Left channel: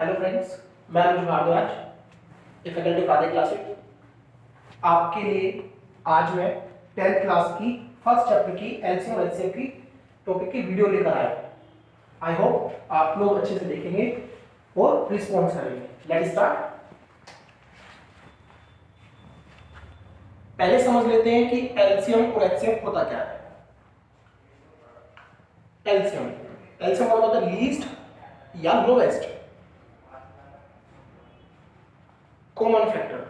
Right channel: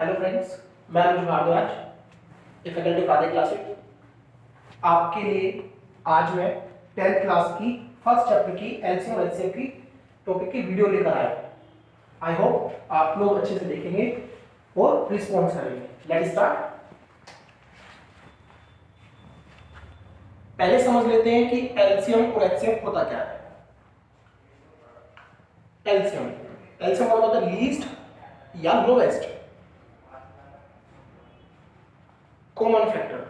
Hello friends, मैं अनुज Bhardwaj, a faculty of आदि classes. आपके लिए आज मैं 10th क्लास की फर्स्ट चैप्टर की एलसीएम और एचसीएफ की टॉपिक की वीडियो लेकर आया हूँ। आई होप आप लोग अच्छे से देखेंगे और रिस्पॉन्स करेंगे। Let's start. पहले समझ लेते हैं कि एलसीएम और एचसीएफ होता क्या है। एलसीएम एलसीएम होता है लीस्ट या lowest common factor.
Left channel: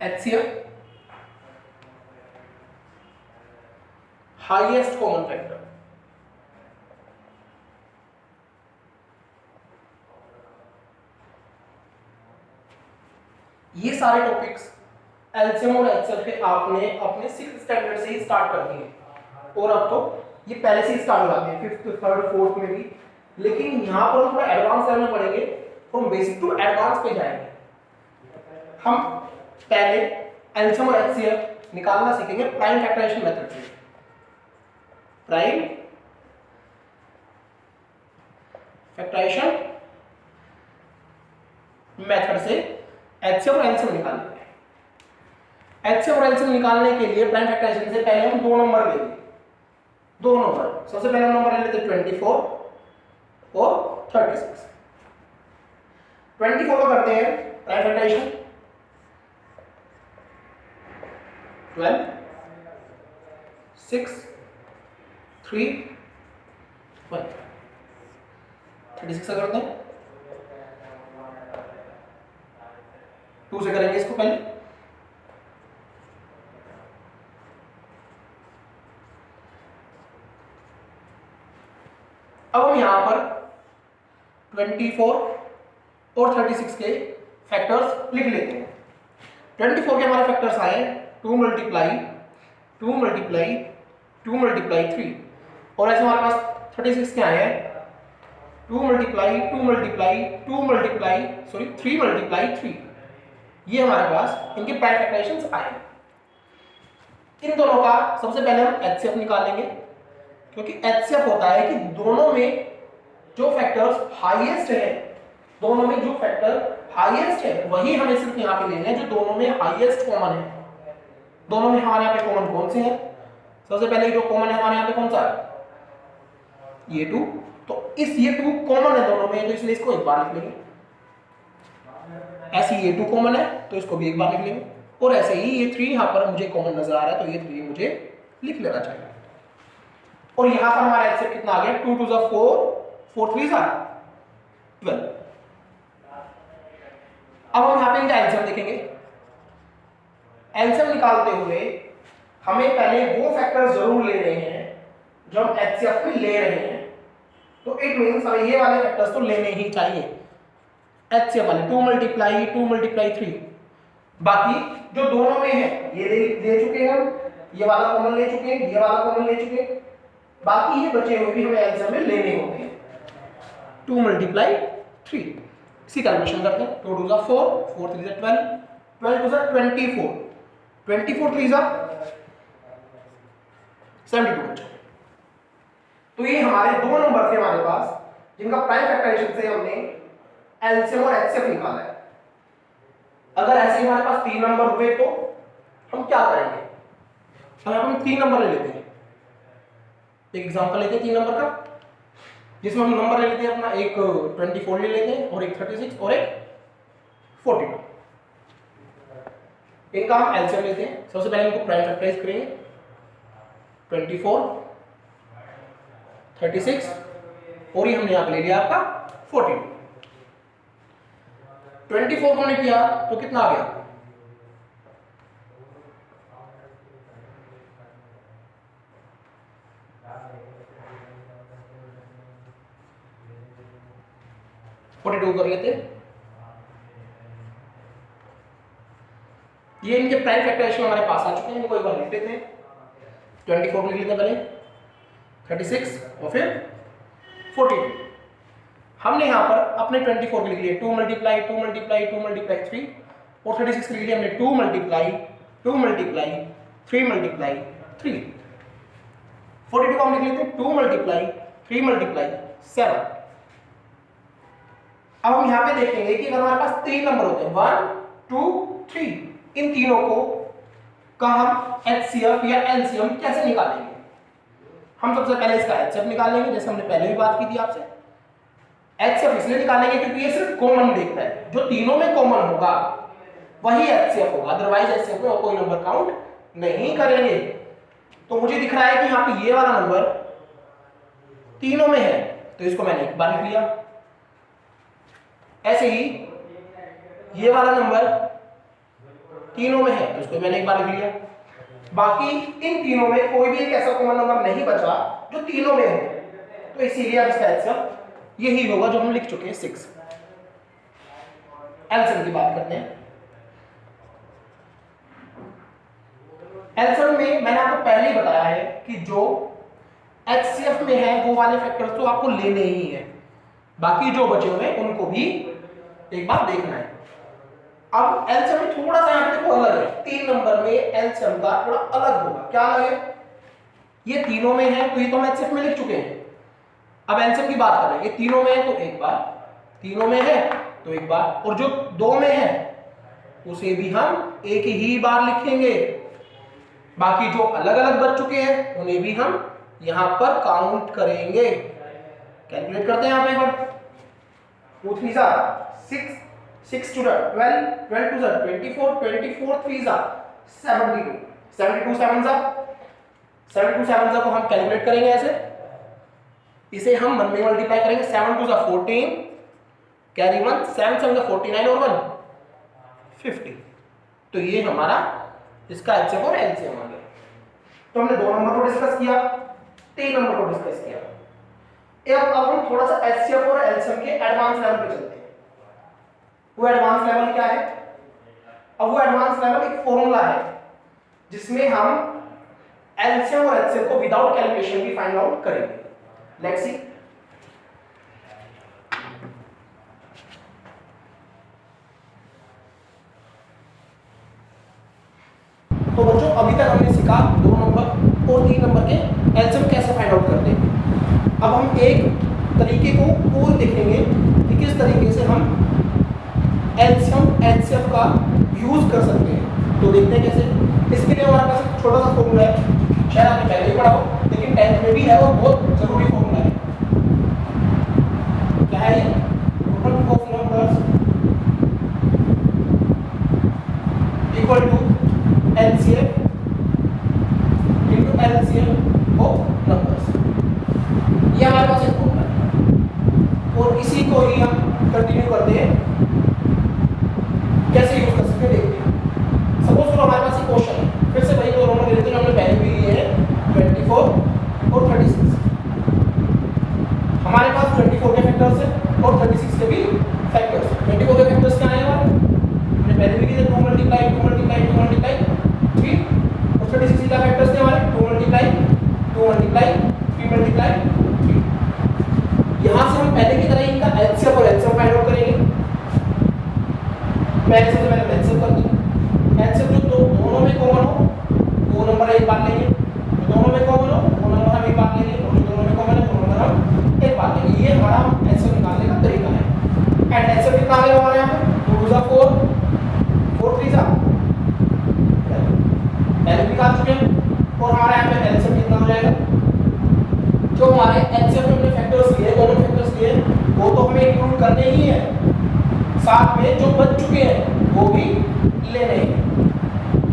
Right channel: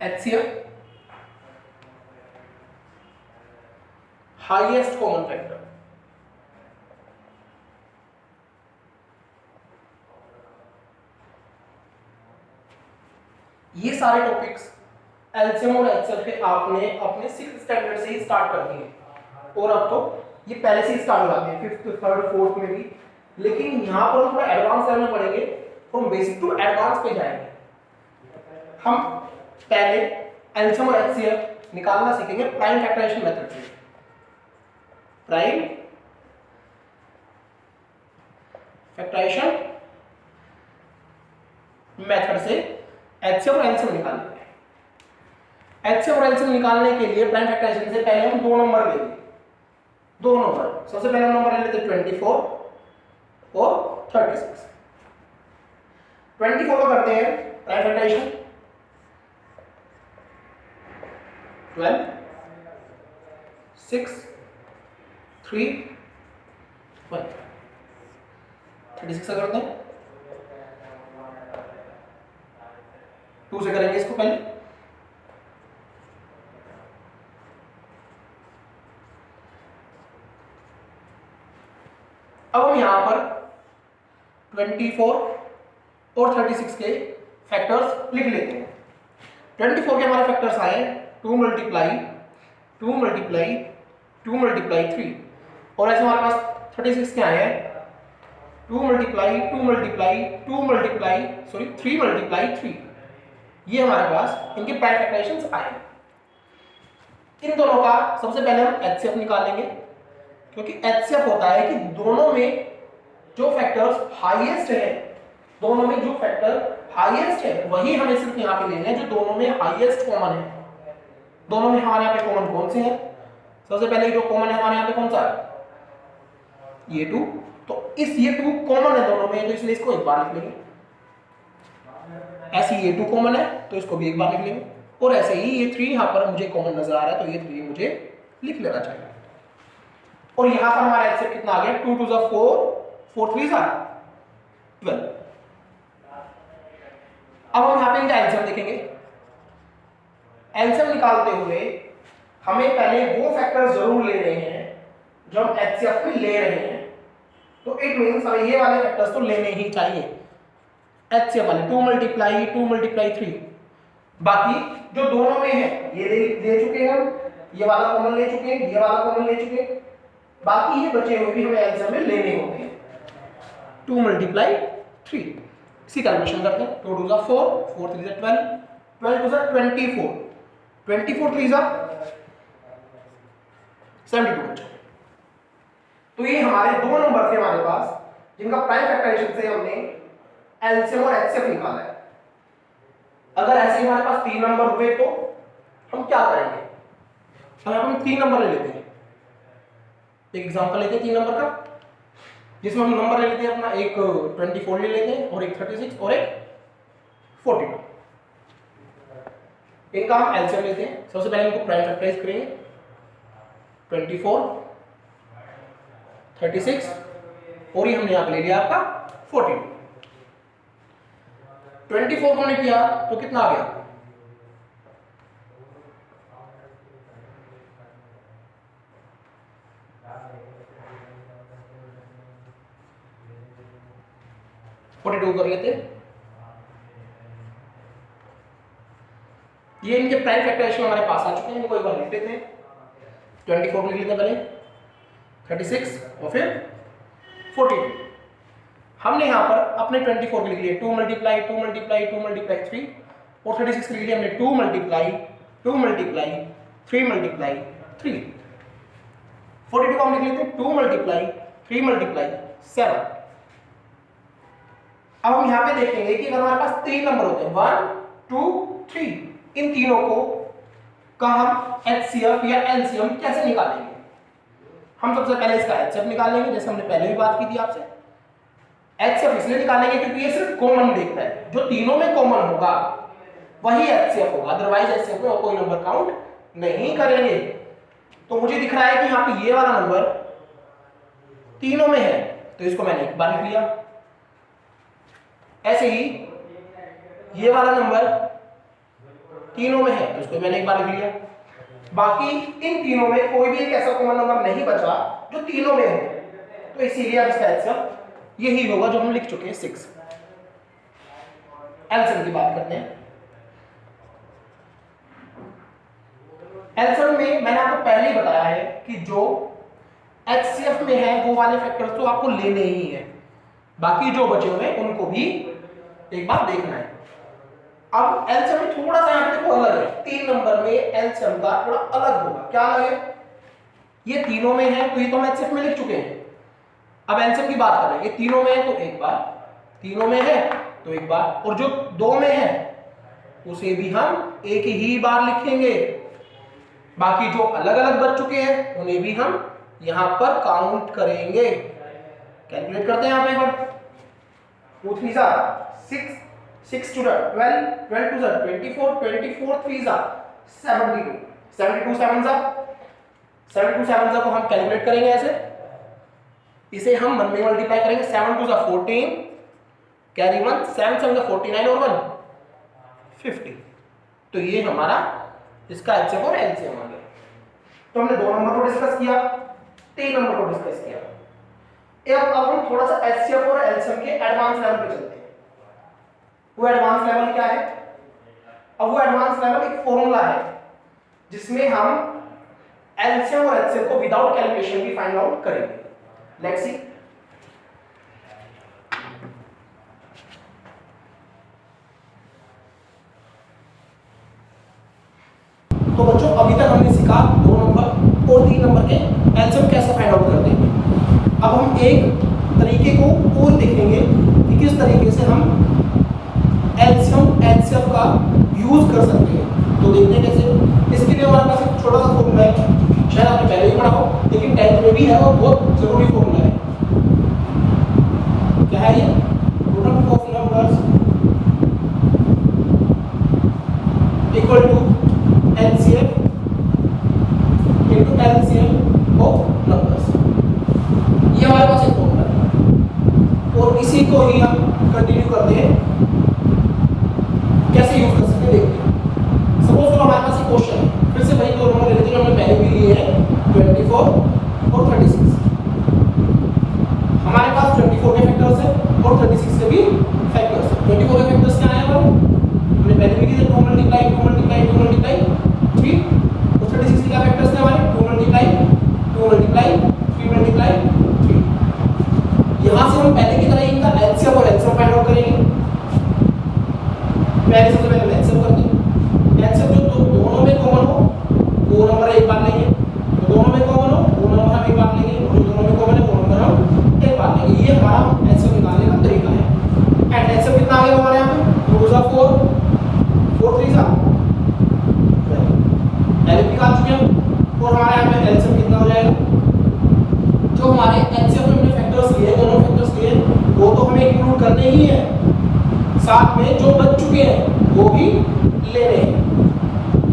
HCF highest common factor. ये सारे टॉपिक्स एलसीएम और एचसीएफ के आपने अपने 6th स्टैंडर्ड से ही स्टार्ट कर दिए और अब तो ये पहले से ही स्टार्ट हो जाते हैं 5th, 3rd, 4th में भी। लेकिन यहाँ पर हम थोड़ा एडवांस लेवल में पढ़ेंगे, हम बेसिक टू एडवांस पे जाएंगे। हम पहले एलसीएम और एचसीएफ निकालना सीखेंगे प्राइम फैक्टराइजेशन मेथड से। प्राइम फैक्टराइजेशन मेथड से एचसीएफ और एलसीएम निकालेंगे। एचसीएफ और एलसीएम निकालने के लिए प्राइम फैक्टराइजेशन से पहले हम दो नंबर लेंगे। दो नंबर, सबसे पहले नंबर ले लेते 24 और 36। 24 को करते हैं प्राइम फैक्टराइजेशन 12, 6, 3, 1। 36 से करते हैं 2 से करेंगे इसको पहले। अब हम यहां पर 24 और 36 के फैक्टर्स लिख लेते हैं। 24 के हमारे फैक्टर्स आए 2 मल्टीप्लाई 2 मल्टीप्लाई 2 मल्टीप्लाई 3, और ऐसे हमारे पास 36 के आए हैं 2 मल्टीप्लाई 2 मल्टीप्लाई 2 मल्टीप्लाई 3 मल्टीप्लाई 3। ये हमारे पास इनके प्राइम फैक्टराइजेशंस आए। इन दोनों का सबसे पहले हम एचसीएफ निकालेंगे, क्योंकि एचसीएफ होता है कि दोनों में जो फैक्टर्स हाईएस्ट है, दोनों में जो फैक्टर हाईएस्ट है वही हमें सिर्फ यहाँ पे लेने हैं जो दोनों में हाईएस्ट कॉमन है। दोनों में हमारे यहाँ पे कॉमन कौन से हैं? सबसे पहले जो कॉमन है हमारे यहाँ पे कौन सा है? ये 2। तो इस ये 2 कॉमन है दोनों में, तो इसलिए इसको एक बार लिख लेंगे। ऐसे ये 2 कॉमन है तो इसको भी एक बार लिख लेंगे, और ऐसे ही ये 3 यहाँ पर मुझे कॉमन नजर आ रहा है तो ये 3 मुझे लिख लेना चाहिए। और यहां पर हमारा एचसीएफ कितना आ गया? 2 2 4, 4 3 12। अब हम यहां पे इनका एलसीएम देखेंगे। एलसीएम निकालते हुए हमें पहले वो फैक्टर जरूर लेने हैं जो हम एचसीएफ में ले रहे हैं, तो इट मींस हमें ये वाले फैक्टर्स तो लेने ही चाहिए। एचसीएफ वाले 2 मल्टीप्लाई 2 मल्टीप्लाई 3। बाकी जो दोनों में है ये ले चुके हैं हम, ये वाला कॉमन ले चुके हैं, ये वाला कॉमन ले चुके हैं। बाकी ये बचे हुए भी हमें एलसीएम में लेने होते हैं। 2 मल्टीप्लाई 3, इसी कैलकुलेशन करते हैं। 2 2 4, 4 3 12, 12 2 24, 24 3 72 बचे। तो ये हमारे दो नंबर थे हमारे पास जिनका प्राइम फैक्टराइजेशन से हमने एलसीएम और एचसीएफ निकाला है। अगर ऐसे ही हमारे पास 3 नंबर हुए तो हम क्या करेंगे? हम 3 नंबर ले लेते हैं। एक एग्जांपल लेते हैं 3 नंबर का, जिसमें हम नंबर ले लेते हैं अपना, एक 24 ले लेते हैं और एक 36 और एक 42। इनका हम एलसीएम लेते हैं। सबसे पहले इनको प्राइम फैक्टराइज करेंगे 24, 36 और ये हमने यहाँ पे ले लिया आपका 42। 24 हमने किया तो कितना आ गया? 42 कर लेते हैं। ये इनके प्राइम फैक्टराइजेशन हमारे पास आ चुके हैं, इनको एक बार लिख लेते हैं। 24 लिख लेते हैं पहले, 36 और फिर 42। हमने यहाँ पर अपने 24 लिख लिए 2 मल्टीप्लाई 2 मल्टीप्लाई 2 मल्टीप्लाई 3, और 36 लिख लिया हमने 2 मल्टीप्लाई 2 मल्टीप्लाई 3 मल्टीप्लाई 3। 42 को हम लिख लेते हैं 2 मल्टीप्लाई 3 मल्टीप्लाई 7। अब हम यहां पे देखेंगे कि अगर हमारे पास 3 नंबर होते हैं 1 2 3, इन तीनों को का हम एचसीएफ या एलसीएम कैसे निकालेंगे? हम सबसे पहले इसका एचसीएफ निकाल लेंगे, जैसे हमने पहले भी बात की थी आपसे। एचसीएफ इसलिए निकालेंगे क्योंकि ये सिर्फ कॉमन देखता है, जो तीनों में कॉमन होगा वही एचसीएफ होगा, अदरवाइज एचसीएफ में और कोई नंबर काउंट नहीं करेंगे। तो मुझे दिख रहा है कि यहाँ पे ये वाला नंबर तीनों में है, तो इसको मैंने एक बार लिख लिया। ऐसे ही ये वाला नंबर तीनों में है, तो इसको मैंने एक बार लिख लिया। बाकी इन तीनों में कोई भी एक ऐसा कॉमन नंबर नहीं बचा जो तीनों में हो, तो इसीलिए अब इसका एचसीएफ यही होगा जो हम लिख चुके हैं 6। एलसीएम की बात करते हैं। एलसीएम में मैंने आपको पहले ही बताया है कि जो एचसीएफ में है वो वाले फैक्टर्स तो आपको लेने ही है, बाकी जो बचे हुए हैं उनको भी एक बार देखना है। अब एलसीएम में थोड़ा सा यहाँ पे देखो अलग है, 3 नंबर में एलसीएम का थोड़ा अलग होगा। क्या अलग है? ये तीनों में है तो ये तो हम एचसीएफ में लिख चुके हैं। अब एलसीएम की बात कर रहे हैं, ये तीनों में है तो एक बार, तीनों में है तो एक बार, और जो 2 में है उसे भी हम एक ही बार लिखेंगे। बाकी जो अलग अलग बच चुके हैं उन्हें भी हम यहां पर काउंट करेंगे। कैलकुलेट करते हैं यहां पे एक बार। 2 3 जा 6, 6 टू 12, 12 टू 24, 24 3 जा 72, 72 7 जा 72 7 जा को हम कैलकुलेट करेंगे ऐसे। इसे हम 1 में मल्टीप्लाई करेंगे। 7 टू 14, कैरी 1, 7 7 49 और 1 50। तो ये हमारा इसका एचसीएफ और एलसीएम आ गया। तो हमने 2 नंबर को डिस्कस किया, 3 नंबर को डिस्कस किया। अब हम थोड़ा सा एचसीएफ और एलसीएम के एडवांस लेवल पे चलते हैं। वो एडवांस लेवल क्या है? अब वो एडवांस लेवल एक फॉर्मूला है जिसमें हम एलसीएम और एचसीएफ को विदाउट कैलकुलेशन भी फाइंड आउट करेंगे। Let's see. तो बच्चों अभी तक हमने सीखा 2 नंबर और 3 नंबर के एलसीएम कैसे फाइंड आउट करते हैं। अब हम एक तरीके को और देखेंगे कि किस तरीके से हम एलसीएम एचसीएफ का यूज कर सकते हैं। तो देखते हैं कैसे। इसके लिए हमारे पास एक छोटा सा फॉर्मूला है, शायद आपने पहले ही पढ़ा हो, लेकिन 10th में भी है, वो बहुत जरूरी फॉर्मूला है। क्या है ये? Product of numbers equal to HCF into LCM of numbers. ये हमारे पास एक फॉर्मूला है और इसी को ही हम कंटिन्यू करते हैं। कैसे यूज कर सकते हैं देखिए। सपोज तो हमारे पास एक क्वेश्चन है, फिर से वही 2 नंबर ले लेते हैं जो हमने पहले भी लिए हैं, 24 और 36। हमारे पास 24 के फैक्टर्स है और 36 के भी फैक्टर्स है। 24 के फैक्टर्स क्या है? हमने पहले भी किए 2 मल्टीप्लाई 2 मल्टीप्लाई 2 मल्टीप्लाई 3, और 36 का फैक्टर्स थे हमारे 2 मल्टीप्लाई 2 मल्टीप्लाई 3 मल्टीप्लाई 3। यहां से हम पहले की तरह इनका एलसीएम और एचसीएफ फाइंड आउट करेंगे। पहले सबसे पहले एलसीएम करते हैं। एलसीएम जो दोनों में कॉमन हो वो नंबर एक बार लेंगे, तो दोनों में कॉमन हो वो नंबर हम एक बार लेंगे, और जो दोनों में कॉमन है वो नंबर हम एक बार लेंगे। ये हमारा एलसीएम निकालने का तरीका है। एंड एलसीएम कितना आ गया हमारे यहाँ पे? 2 जा 4, 4 3 जा पहले निकाल चुके हैं। और हमारे यहाँ पे एलसीएम कितना हो जाएगा? जो हमारे एलसीएम में हमने फैक्टर्स लिए, दोनों फैक्टर्स लिए, वो तो हमें इंक्लूड करते ही है, साथ में जो बच चुके हैं वो भी लेने हैं।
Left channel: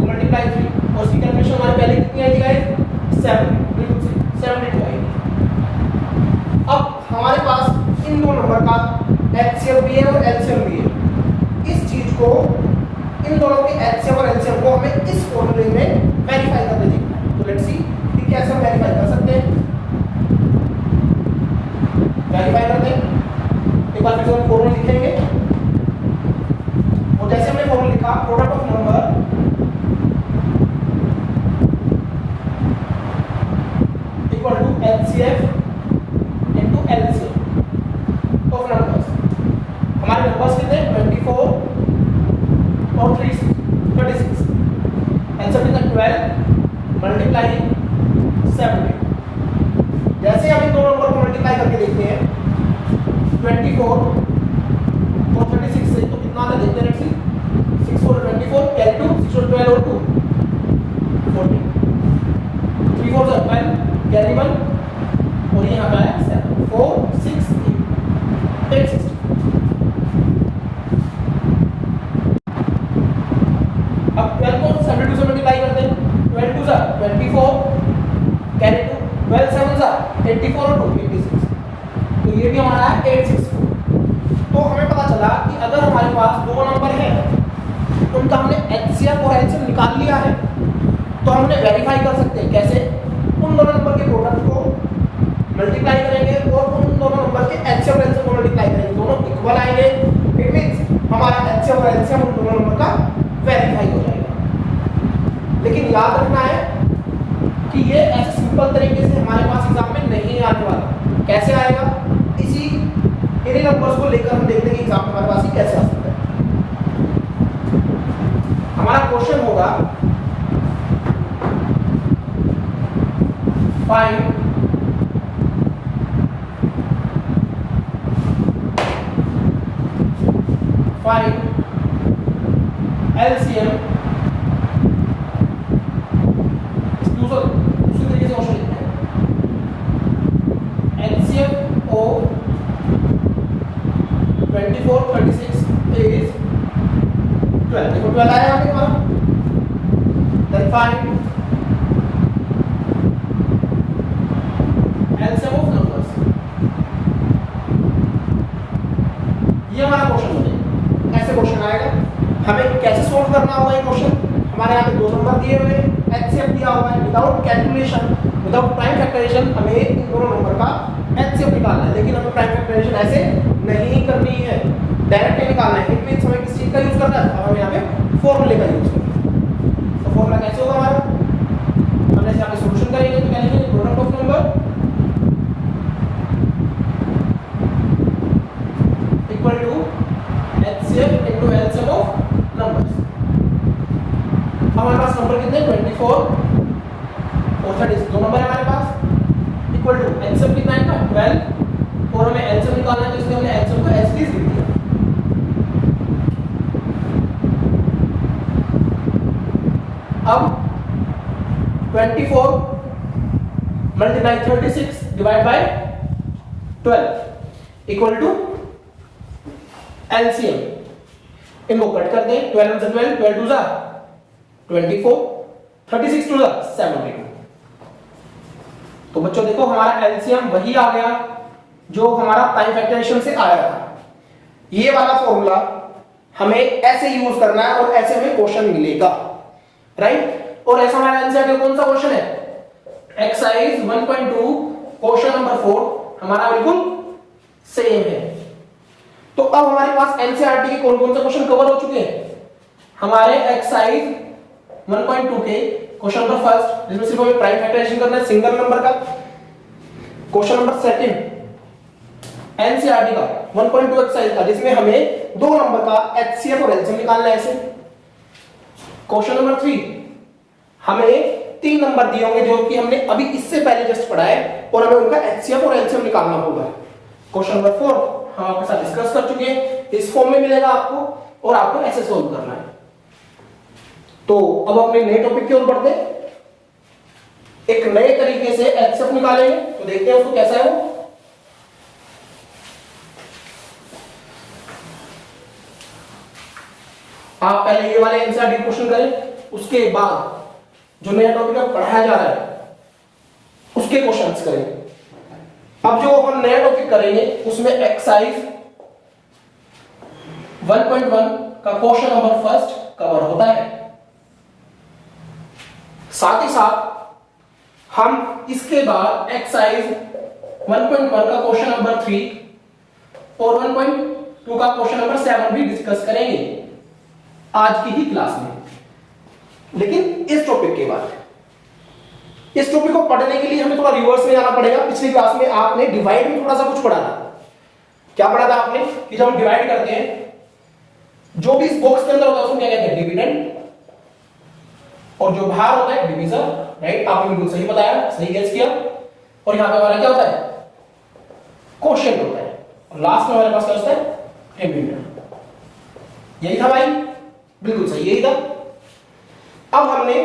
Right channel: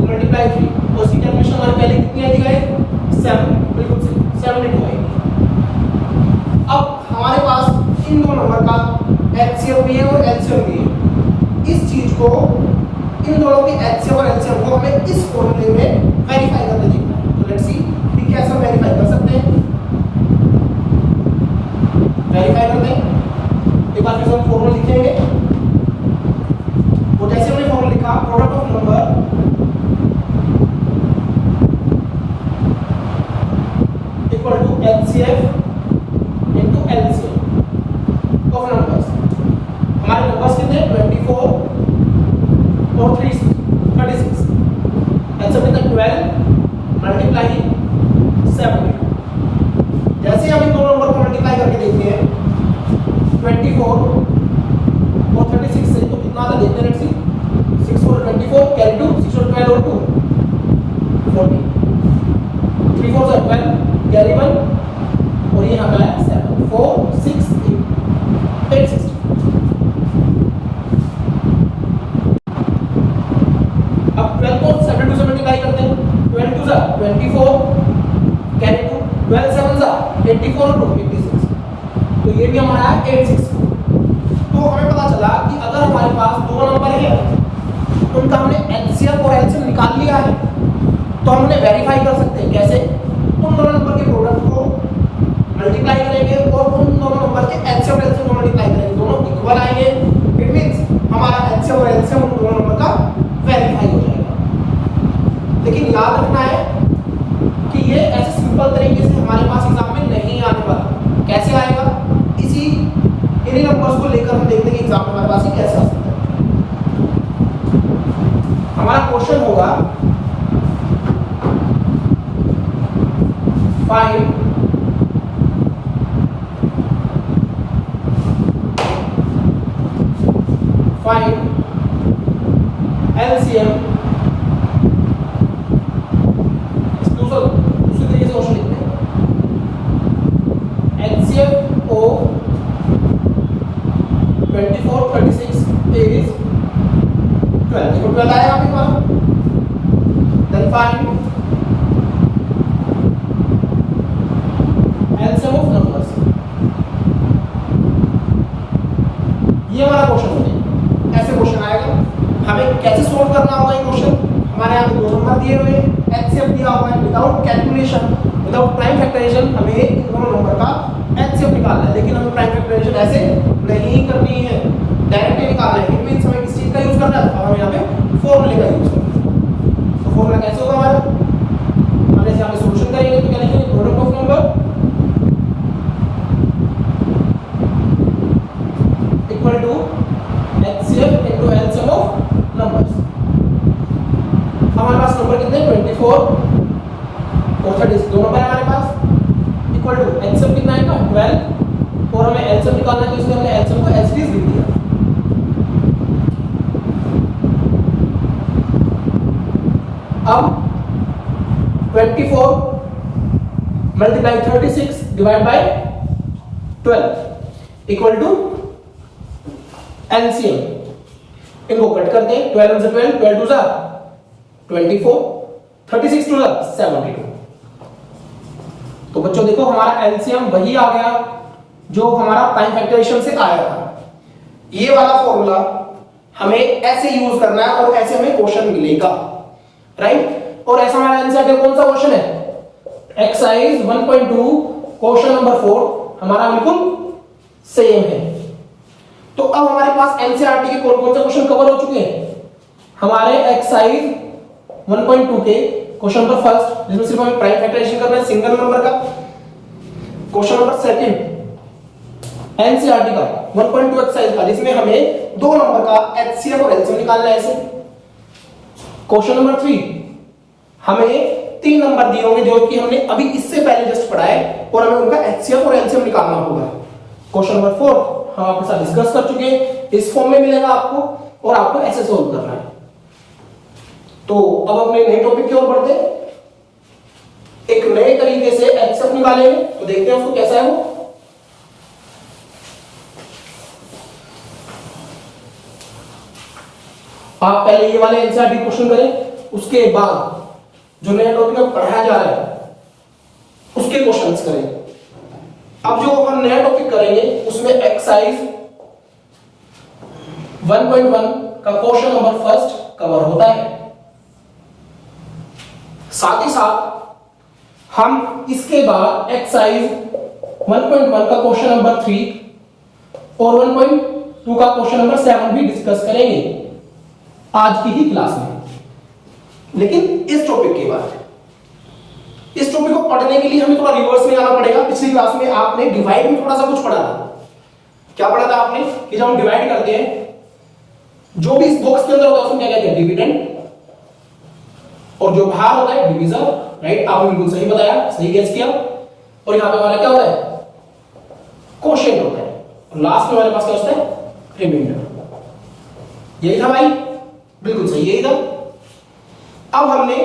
मल्टीप्लाई 3 और उसकी कैलकुलेशन हमारे पहले कितनी आई थी गाइस? 7, बिल्कुल सही, 72 आई। अब हमारे पास इन 2 नंबर का एचसीएफ भी है और एलसीएम भी है। इस चीज को, इन दोनों के एचसीएफ और एलसीएम को हमें इस फॉर्मूले में वेरीफाई करके देखना है। तो लेट्स सी कि कैसे हम वेरीफाई कर सकते हैं। वेरीफाई करते हैं। एक बार फिर हम फॉर्मूला लिखेंगे, और जैसे हमने फॉर्मूला लिखा, product of number equal to HCF into LCM of numbers. हमारे नंबर्स कितने? 24 और 36। एलसीएम कितना? 12 मल्टीप्लाई 7। जैसे हम इन दोनों नंबर को मल्टीप्लाई करके देखते हैं 24 और 36 से, तो कितना आता है देखते हैं। 6 4 24 कैरी 2, 6 और 12 और 2 14, 3 4 12 कैरी 1 और ये यहाँ पे आया 7 4 6 8 860। अब 12 को 72 से मल्टीप्लाई करते हैं। 12 2 24 कैरी 2, 12 7 84 और 2 56, तो ये भी हमारा 864। तो हमें पता चला कि अगर हमारे पास दो नंबर है, उनका हमने एचसीएफ और एलसीएम निकाल लिया है, तो हम उन्हें वेरीफाई कर सकते हैं। कैसे? उन दोनों नंबर के प्रोडक्ट को मल्टीप्लाई करेंगे और उन दोनों नंबर के एचसीएफ और एलसीएम को मल्टीप्लाई करेंगे, दोनों इक्वल आएंगे। इट मींस हमारा एचसीएफ और एलसीएम उन दोनों नंबर का वेरीफाई हो जाएगा। लेकिन याद रखना है कि ये ऐसे सिंपल तरीके से हमारे पास एग्जाम में नहीं आने वाला। कैसे आएगा? इसी इन्हीं नंबर्स को लेकर हम देखते हैं कि एग्जाम में हमारे पास ये कैसे आ सकता है। हमारा क्वेश्चन होगा फाइंड एलसीएम, दूसरे तरीके से क्वेश्चन लिखते हैं एचसीएफ ओ 24 36 is 12। देखो 12 आया यहाँ पे हमारा। Then find LCM of numbers. ये हमारा क्वेश्चन बनेगा। ऐसे क्वेश्चन आएगा। हमें कैसे सोल्व करना होगा ये क्वेश्चन? हमारे यहाँ पे दो नंबर दिए हुए, एचसीएफ दिया हुआ है। Without calculation, without prime factorization हमें इन दोनों नंबर का एचसीएफ निकालना है। लेकिन हमें प्राइम फैक्टराइजेशन ऐसे नहीं करनी है, डायरेक्ट निकालना है। इट मींस हमें किस चीज का यूज करना है? हमें यहाँ पे फॉर्मूले का यूज करना है। तो फॉर्मूला कैसे होगा हमारा? हम जैसे यहाँ पे सॉल्यूशन करेंगे तो क्या लिखेंगे? Product of number equal to HCF into LCM of numbers. हमारे पास नंबर कितने? 24 और 30, दो नंबर है हमारे पास। इक्वल टू एचसीएफ कितना है? 12 और हमें एलसीएम निकालना है, तो इसलिए हमने एलसीएम को एज इट इज लिख दिया। अब 24 multiply 36 divide by 12 equal to LCM. इनको कट करते हैं। 12 से 12, 12 2 जा 24, 36 2 जा 72। तो बच्चों देखो हमारा एलसीएम वही आ गया जो हमारा प्राइम फैक्टराइजेशन से आया था। ये वाला फॉर्मूला हमें ऐसे यूज करना है और ऐसे हमें क्वेश्चन मिलेगा, राइट? और ऐसा हमारा एनसीईआरटी कौन सा क्वेश्चन है? एक्सरसाइज 1.2 क्वेश्चन नंबर 4 हमारा बिल्कुल सेम है। तो अब हमारे पास एनसीईआरटी के कौन कौन से क्वेश्चन कवर हो चुके हैं? हमारे एक्सरसाइज 1.2 के क्वेश्चन नंबर फर्स्ट, जिसमें सिर्फ हमें प्राइम फैक्टराइजेशन करना है सिंगल नंबर का। क्वेश्चन नंबर सेकंड एनसीईआरटी का 1.2 एक्सरसाइज का, जिसमें हमें दो नंबर का एचसीएफ और एलसीएम निकालना है ऐसे। क्वेश्चन नंबर 3 हमें 3 नंबर दिए होंगे जो कि हमने अभी इससे पहले जस्ट पढ़ा है और हमें उनका एचसीएफ और एलसीएम निकालना होगा। क्वेश्चन नंबर 4 हम आपके साथ डिस्कस कर चुके हैं, इस फॉर्म में मिलेगा आपको और आपको ऐसे सोल्व करना है। तो अब अपने नए टॉपिक की ओर बढ़ते हैं। एक नए तरीके से एचसीएफ निकालेंगे, तो देखते हैं उसको कैसा है वो। आप पहले ये वाले एनसीईआरटी क्वेश्चन करें, उसके बाद जो नया टॉपिक में पढ़ाया जा रहा है उसके क्वेश्चंस करें। अब जो हम नया टॉपिक करेंगे उसमें एक्सरसाइज 1.1 का क्वेश्चन नंबर फर्स्ट कवर होता है। साथ ही साथ हम इसके बाद एक्सरसाइज 1.1 का क्वेश्चन नंबर 3 और 1.2 का क्वेश्चन नंबर 7 भी डिस्कस करेंगे आज की ही क्लास में। लेकिन इस टॉपिक के बाद, इस टॉपिक को पढ़ने के लिए हमें थोड़ा रिवर्स में जाना पड़ेगा। पिछली क्लास में आपने डिवाइड में थोड़ा सा कुछ पढ़ा था। क्या पढ़ा था आपने? कि जब हम डिवाइड करते हैं, जो भी इस बॉक्स के अंदर होता है उसमें क्या कहते हैं? डिविडेंड, और जो बाहर होता है डिवीजर, राइट? आपने बिल्कुल सही बताया, सही गेस किया। और यहाँ पे हमारा क्या होता है, क्वोशिएंट होता है, और लास्ट में हमारे पास क्या होता है, रिमाइंडर। यही था भाई, बिल्कुल सही, यही था। अब हमने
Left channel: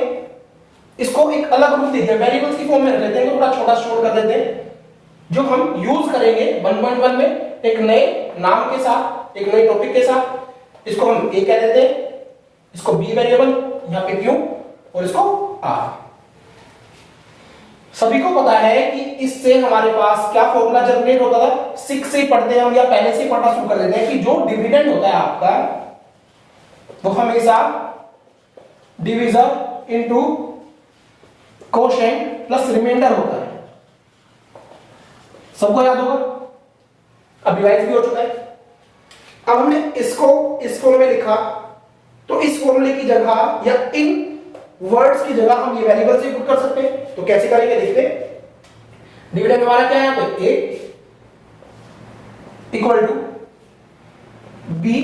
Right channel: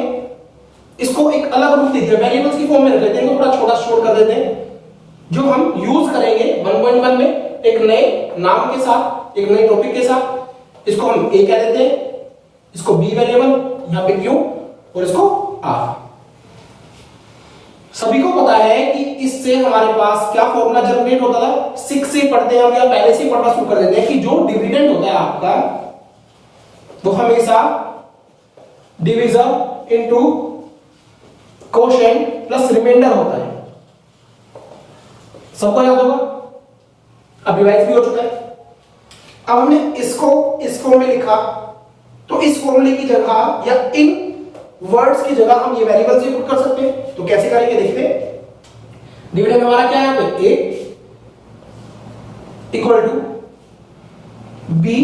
इसको एक अलग रूप देते हैं, वेरिएबल्स की फॉर्म में रख लेते हैं, थोड़ा छोटा शॉर्ट कर देते हैं, जो हम यूज करेंगे 1.1 में एक नए नाम के साथ, एक नए टॉपिक के साथ। इसको हम ए कह देते हैं, इसको बी वेरिएबल, यहां पे क्यू, और इसको आर। सभी को पता है कि इससे हमारे पास क्या फॉर्मूला जनरेट होता था, 6 से पढ़ते हैं हम या पहले से ही पढ़ना शुरू कर देते हैं कि जो डिविडेंड होता है आपका वो हमेशा divisor into quotient plus remainder होता है। सबको याद होगा, अब डिवाइड भी हो चुका है। अब हमने इसको इस फॉर्म में लिखा, तो इस फॉर्मूले की जगह या इन वर्ड्स की जगह हम ये वेरिएबल से पुट कर सकते हैं। तो कैसे करेंगे देखते हैं। डिविडेंड हमारा क्या है यहाँ पे, ए इक्वल टू बी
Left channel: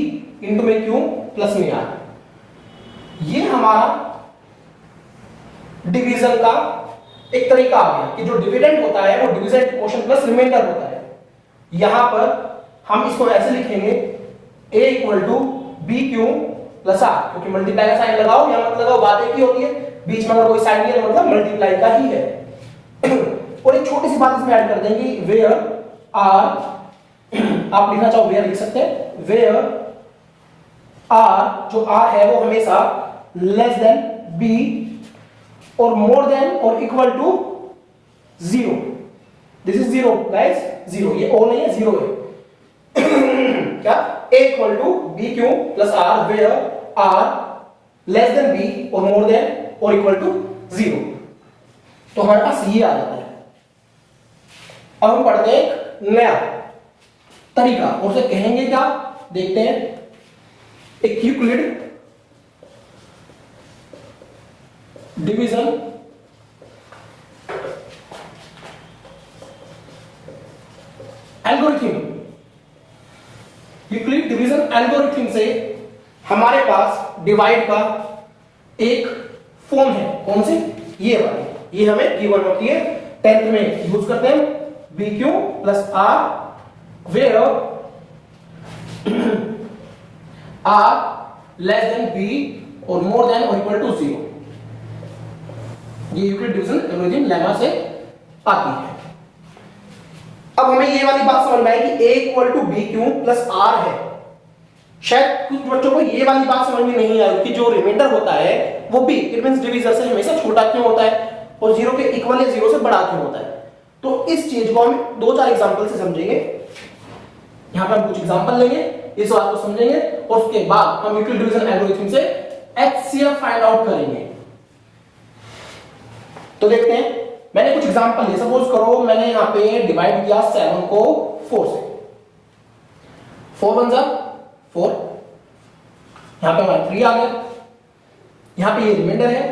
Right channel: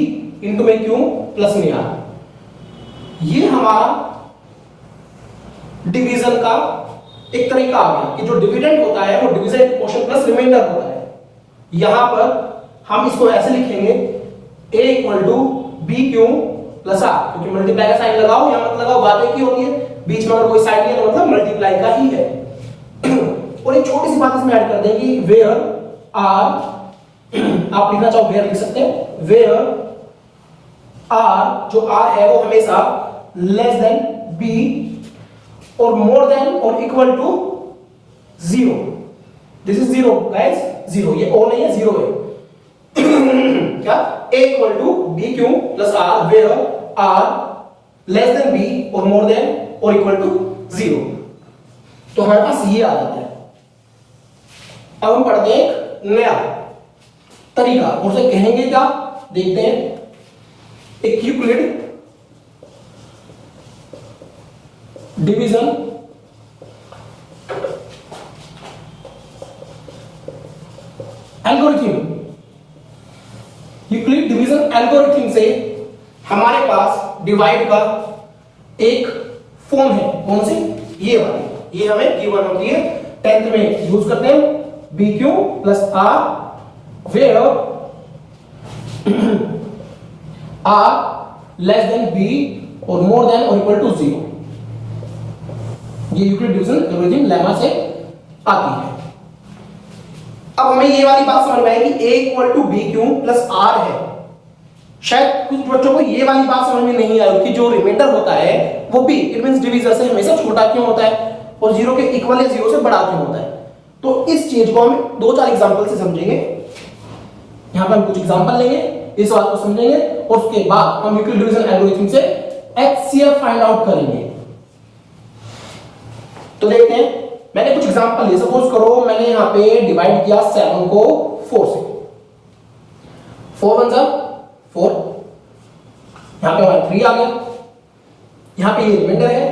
इंटू में क्यू प्लस में आर। ये हमारा डिवीजन का एक तरीका आ गया कि जो डिविडेंड होता है वो division into quotient plus remainder होता है। यहां पर हम इसको ऐसे लिखेंगे, A equal to B Q plus R, क्योंकि मल्टीप्लाई का साइन लगाओ या मत लगाओ बात एक ही होती है, बीच में अगर कोई साइन नहीं है तो मतलब मल्टीप्लाई का ही है। और एक छोटी सी बात इसमें ऐड कर देंगे, वेयर आर, आप लिखना चाहो वेयर लिख सकते हैं, वेयर आर, जो आर है वो हमेशा लेस देन बी और मोर देन और equal to 0। This is 0 guys, 0, ये ओ नहीं है, 0 है। क्या, a equal to B Q plus r, where r less than b और मोर देन और इक्वल टू 0। तो हमारे पास ये आ जाता है। अब हम पढ़ते हैं एक नया तरीका, उसे कहेंगे क्या, देखते हैं। एक Euclid division algorithm. Euclid division algorithm से हमारे पास डिवाइड का एक फॉर्म है, कौन से, ये वाली, ये हमें गिवन होती है 10th में यूज करते हैं, b Q plus r where r less than b और मोर देन और इक्वल टू 0। ये यूक्लिड डिवीजन एल्गोरिथम लेमा से आती है। अब हमें ये वाली बात समझ में आई कि a equal to B Q plus r है। शायद कुछ बच्चों को ये वाली बात समझ में नहीं आई कि जो रिमाइंडर होता है वो b, इट मींस डिवीजर से हमेशा छोटा क्यों होता है और 0 के इक्वल या 0 से बड़ा क्यों होता है। तो इस चीज को हम 2-4 एग्जांपल से समझेंगे। यहां पे हम कुछ एग्जांपल लेंगे, इस बात को समझेंगे और उसके बाद हम यूक्लिड डिवीजन एल्गोरिथम से HCF फाइंड आउट करेंगे। तो देखते हैं, मैंने कुछ एग्जांपल लिए। सपोज करो मैंने यहां पे डिवाइड किया 7 को 4 से, 4 1 जा 4, यहां पे हमारा 3 आ गया, यहां पे ये रिमाइंडर है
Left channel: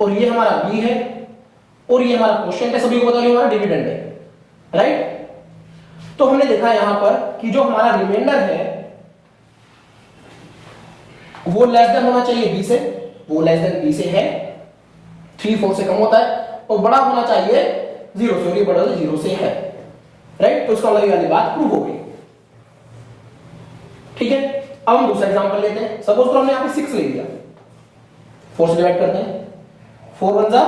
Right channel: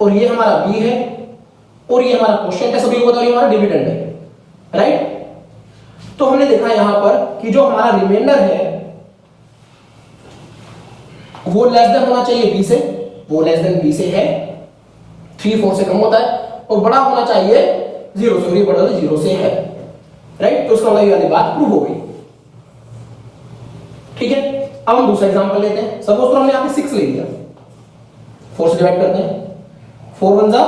और ये हमारा b है और ये हमारा क्वोशिएंट है, सभी को बता रही हमारा डिविडेंड है, राइट। तो हमने देखा यहां पर कि जो हमारा रिमाइंडर है वो लेस देन होना चाहिए b से, वो लेस देन b से है, 3 4 से कम होता है, और बड़ा होना चाहिए 0 से, और ये बड़ा 0 से है, राइट। तो उसका मतलब ये वाली बात प्रूव हो गई, ठीक है। अब हम दूसरा एग्जांपल लेते हैं। सपोज तो हमने यहां पे 6 ले लिया, 4 से डिवाइड करते हैं, 4 1 जा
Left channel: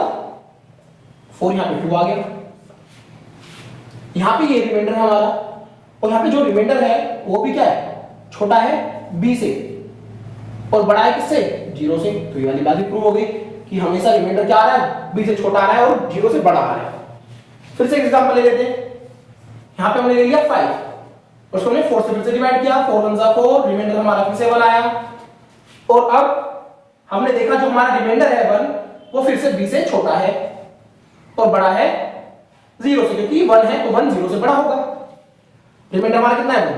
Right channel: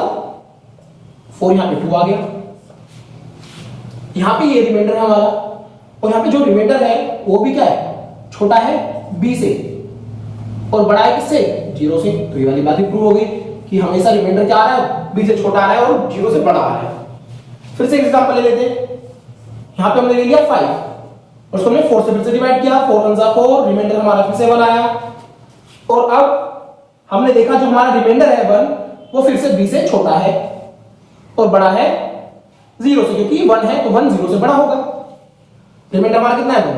4, यहां पे 2 आ गया, यहां पे ये रिमाइंडर है हमारा, और यहां पे जो रिमाइंडर है वो भी क्या है, छोटा है b से और बड़ा है किससे, 0 से। तो ये वाली बात भी प्रूव हो गई कि हमेशा रिमाइंडर क्या आ रहा है, b से छोटा आ रहा है और 0 से बड़ा आ रहा है। फिर से एग्जांपल ले लेते हैं। यहां पे हमने ले लिया 5 और उसको हमने 4 से फिर से डिवाइड किया, 4 1 जा 4, रिमाइंडर हमारा फिर से 1 आया, और अब हमने देखा जो हमारा रिमाइंडर है 1 वो फिर से b से छोटा है और बड़ा है 0 से, क्योंकि 1 है तो 1 0 से बड़ा होगा। रिमाइंडर हमारा कितना है 1।